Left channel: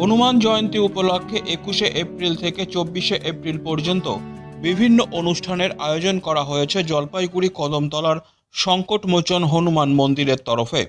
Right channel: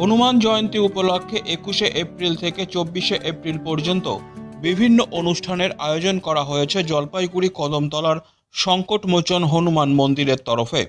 হনুমান জয়ন্তী উপলক্ষে একুশে এপ্রিল থেকে চব্বিশে এপ্রিল পর্যন্ত বিভিন্ন অনুষ্ঠানের আয়োজন করা হয়েছে জলপাইগুড়ি কদমতলার সংকটমোচন হনুমান মন্দিরের তরফে।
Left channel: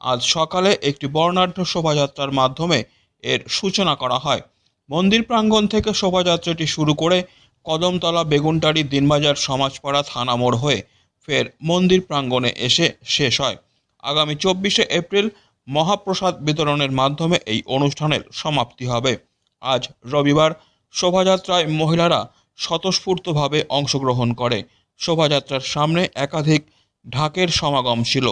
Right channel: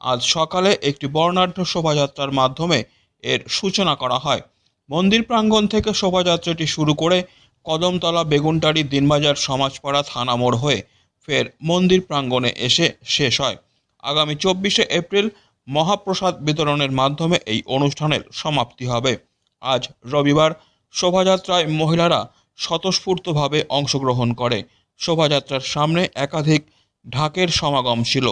আজ সকালে একটি বর্ণাঢ্য শোভাযাত্রার মাধ্যমে এর সূচনা করা হয়। মন্দির প্রাঙ্গণ থেকে শোভাযাত্রাটি শুরু করে কদমতলা বেগুনটারি দিনবাজার সমাজপাড়া থানা মোড় হয়ে ফের মন্দির প্রাঙ্গণে এসে শেষ হয়। আগামী চব্বিশে এপ্রিল মহাপ্রসাদ বিতরণের মাধ্যমে এই অনুষ্ঠানের সমাপ্তি হবে। আজ রবিবার শোভাযাত্রায় মহিলারা স্বতঃস্ফূর্তভাবে অংশগ্রহণ করে। শোভাযাত্রার সামনে একাধিক ঢাকের সমাগম ছিল।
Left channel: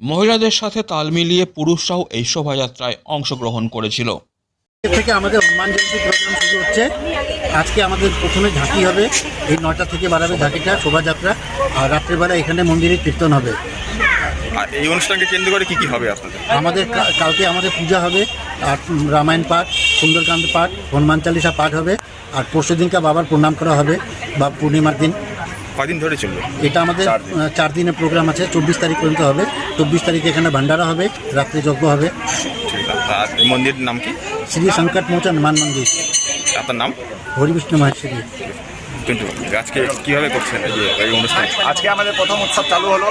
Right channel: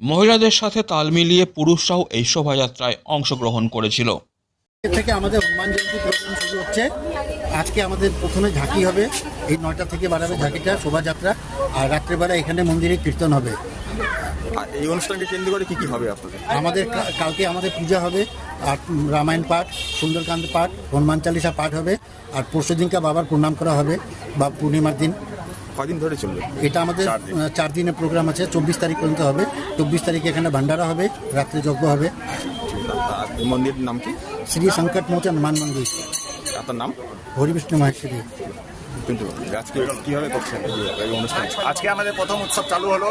মহিলাদের সাথে তাল মিলিয়ে পুরুষরাও এই শোভাযাত্রায় অংশগ্রহণ করেছিল। থেকে আমাদের হনুমান জয়ন্তী প্রোগ্রাম শুরু হচ্ছে। আজকে আমাদের প্রথমে ঝাঁকি হবে। এই নয়টা থেকে বাড়াবে ঝাঁকিটা শোভাযাত্রা। আর রাত্রেবেলা এখানে মন্দিরে কীর্তন হবে। আর এই অনুষ্ঠানকে কেন্দ্র করে কি কি হবে আপনাদের? আমাদের কালকে আমাদের পূজা হবে আর রামায়ণ পাঠ সুন্দরকান্ত পাঠ হনুমান চালিসা পাঠ হবে আর পরশু দিনকা বাবার প্রণাম করা হবে বা পূর্ণিমার দিন। কদিন ধরে চলবে? এটা আমাদের চার দিনের প্রোগ্রাম আছে চব্বিশ তারিখ পর্যন্ত হবে। চব্বিশ তারিখে এখানে ভান্ডারা হবে রাত্রি যজ্ঞ হবে। মন্দিরের নাম কি? শ্রী সংকট মোচন মান মন্দির আপনার নাম? হরিবিষ্ণু মহেশ্বরী। কিন্তু আজকে কীভাবে করছেন? এই অনুষ্ঠান। আজকে আমাদের প্রথম উৎসব চালু হলো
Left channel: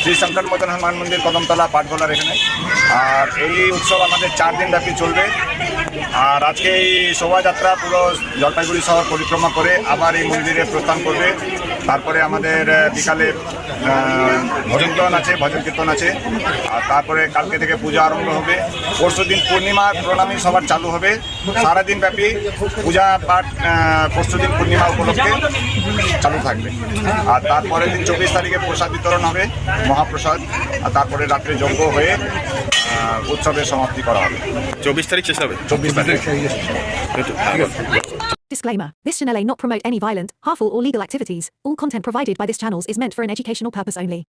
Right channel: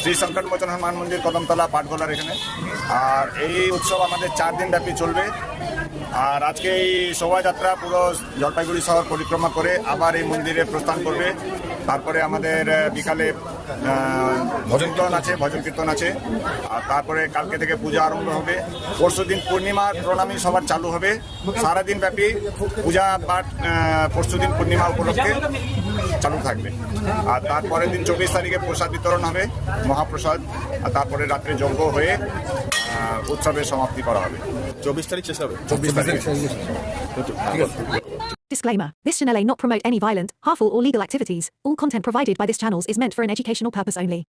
শ্রী শঙ্কর মদন হনুমান মন্দির কদমতলা পাটগোলার এখানে। আর এই উৎসব আমাদের চার দিন ব্যাপী চলবে। আর আজকে এই শোভাযাত্রা পুরো জলপাইগুড়ি শহর পরিক্রমা করে আবার এই মন্দিরে প্রস্থান করবে। তারপরে আমাদের বিকালে ভজন কীর্তন আছে, ভজন কীর্তন আছে। আর তারপরে কালকে থেকে পূজা আরম্ভ হবে। পরশু দিন পূর্ণিমার প্রণামী সবার চালু হবে। সারাদিন ব্যাপী পূজা পাঠ পরশু দিন পূর্ণিমা উপলক্ষে চালু থাকবে। আর তারপরে দিন চব্বিশ তারিখে প্রসাদ বিতরণ হবে, মহাপ্রসাদ। আর তারপরে রাত্রে যজ্ঞ হয়ে উৎসবের সমাপ্তি করা হবে চব্বিশ তারিখ শেষ হবে চব্বিশ তারিখ কিন্তু আবার- Disclaimer This channel may not promote any violent, harmful, or legal activities. All content provided by this channel is meant for an educational purpose only.